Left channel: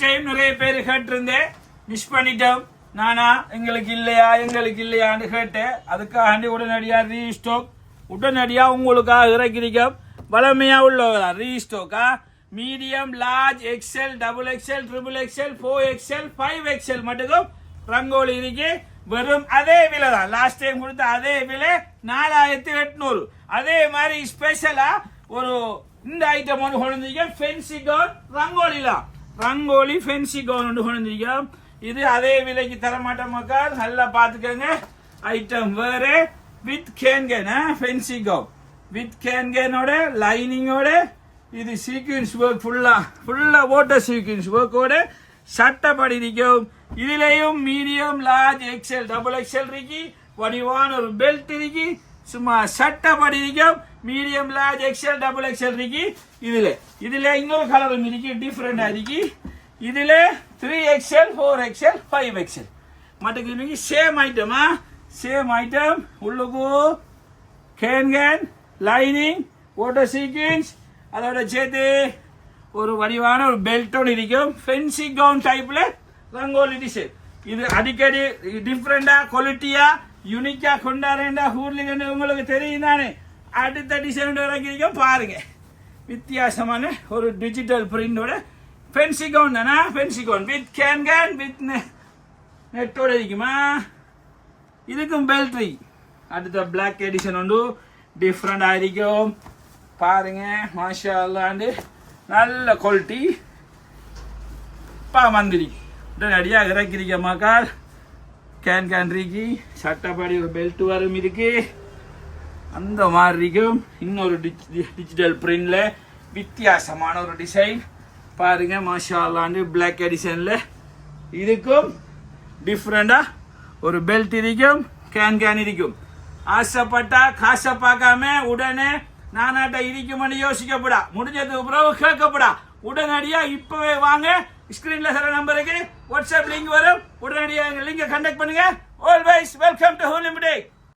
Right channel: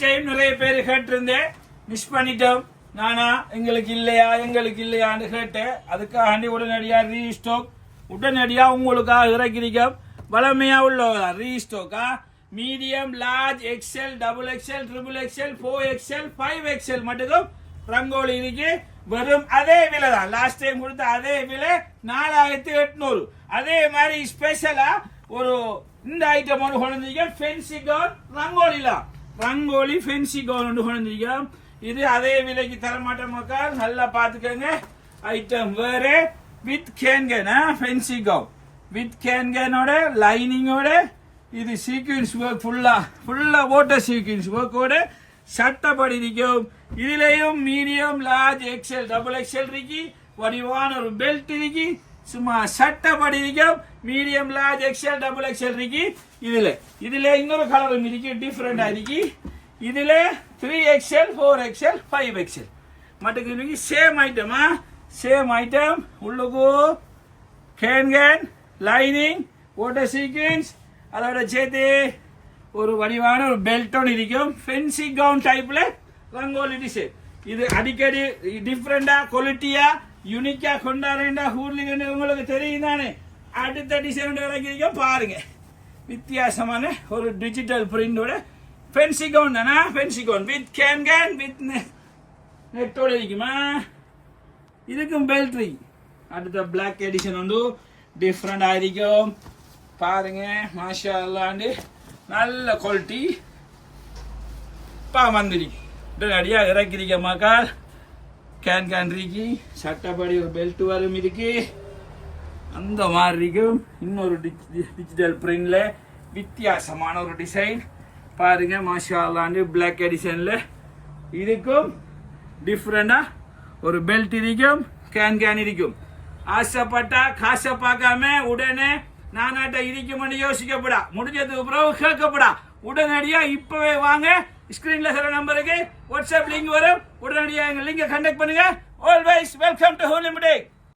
Time நிறைய பேர் கேட்டிருந்தேன். மிஸ் பண்ணிட்டோம். நானா எங்களுக்கு இல்லையா எங்களுக்கு இல்லையான்னு கேட்டேன். அதுக்காண்டி உடனடியாக ரீஸ்டோக் உடனடியாக உங்களுக்காக இறக்கிறீங்க வளமையாக உள்ளவரா ரீஸ்டோக்கா medium large XL double XL triple XL four XL five XL மட்டுக்கும் rangoli இருக்கு. வெறும் அதே விலை தான். லாஸ்ட் டைம் கொடுத்த அதே விலை நாலாயிரத்தி எட்நூறு. அதே மாதிரி ஸ்பெஷலா ஒரு இந்த ஐட்டம் ஒன்று கொண்டு வந்தீங்க ரங்கோலிலாம். ரங்கோலி ஃபென்சி கவுன் ஒன்று கொண்டு இது அதே விலைக்கு தர மாட்டோம் மக்கள். நல்லா பார்த்துக்கோங்க. ஐட்டம் வேற. With cancan fancy gown with கேன்கனோட லைனிங்கோட இது சீக்வன்ஸ் ஒர்க் ஃபுல்லாக ஃபுல்லாக ஓட்டர் சீக்வன்ஸ் ஒர்க்கோட சட்டப்படி இருக்கும் இதுலேயும் medium large XL double XL இருக்கு. வடிவான ஒரு பெல்ட் இருக்கு. சும்மா சட்டப்படி இருக்கும் medium large XL double XL இருக்கு. இதுல. இதுல இன்னொரு கலரும் இருக்கு டிஃப்ரெண்டா இருக்கு. இதுல three XL four XL five XL மட்டுக்கு இருக்கு சேம் ஐட்டமா சேம் ஐட்டம் உள்ளுக்கு கேன் கேன் லைனிங் ஓட்டோ சீக்வன்ஸ் அதோட சேர்த்து ஒரு வடிவான ஒரு பெல்ட்டோடு இருக்கும். ஃபென்சி கவுன் டைப்பில் ரங்கோலி டிசைன் இது அடிக்கடி டிஃப்ரெண்டாக குவாலிட்டியாக யூனிக்கா கொண்டாடுறேன்டா ஊர்லிகண்டு உங்களுக்கு தெரியும் தானே. அடுத்த டிசைன் இறக்கிறீங்க பாருங்க. வித்தியாசமான ஒரு டிஜிட்டல் பிரிண்டோட பென்சிகோன் தானா? Fancy gown with cancan with நெட்டோட இருக்குமா? இதுக்கும் பெல்ட்ரி அடுத்த பிளாக் எடிஷன் உண்டு. டிஃப்ரெண்ட் இருக்கும். பாருங்க மாஷா அல்லாண்டு நல்ல குவாலிட்டி இப்போ வந்துருக்கு உடனடியாக இறக்கிறீங்க மக்கள். கேன் கேன் இருக்கு சட்டப்படி ஒரு பெல்ட் வரும் இருக்கு அந்த மாதிரி இருக்கும் இன்னொரு டிஜிட்டல் பிரிண்டில் வித்தியாசமான ஒரு டிசைன் பாருங்க மாஷாலாண்டு பிளாக் எடிஷன்ல இதுக்கும் டிஃப்ரெண்டாக ஒரு பெல்ட் இருக்கும் கேன் கேன் இருக்கும் ஆசைப்பட்டா காசை பார்க்காம உடனே நானாட்ட இருக்குமென்னு யோசிக்கப்படா. முடிஞ்சதுக்கு பிறகு கேட்கப்படா. உடனடியாக இப்போவே வாங்க. ஸ்க்ரீனில் சில நம்பருக்கு வாட்ஸ்அப் லிங்க் வரும். உடனடியாக எங்கள் லிங்கை கண்டக்ட் பண்ணுங்க. Always welcome to ஹோலிமுடே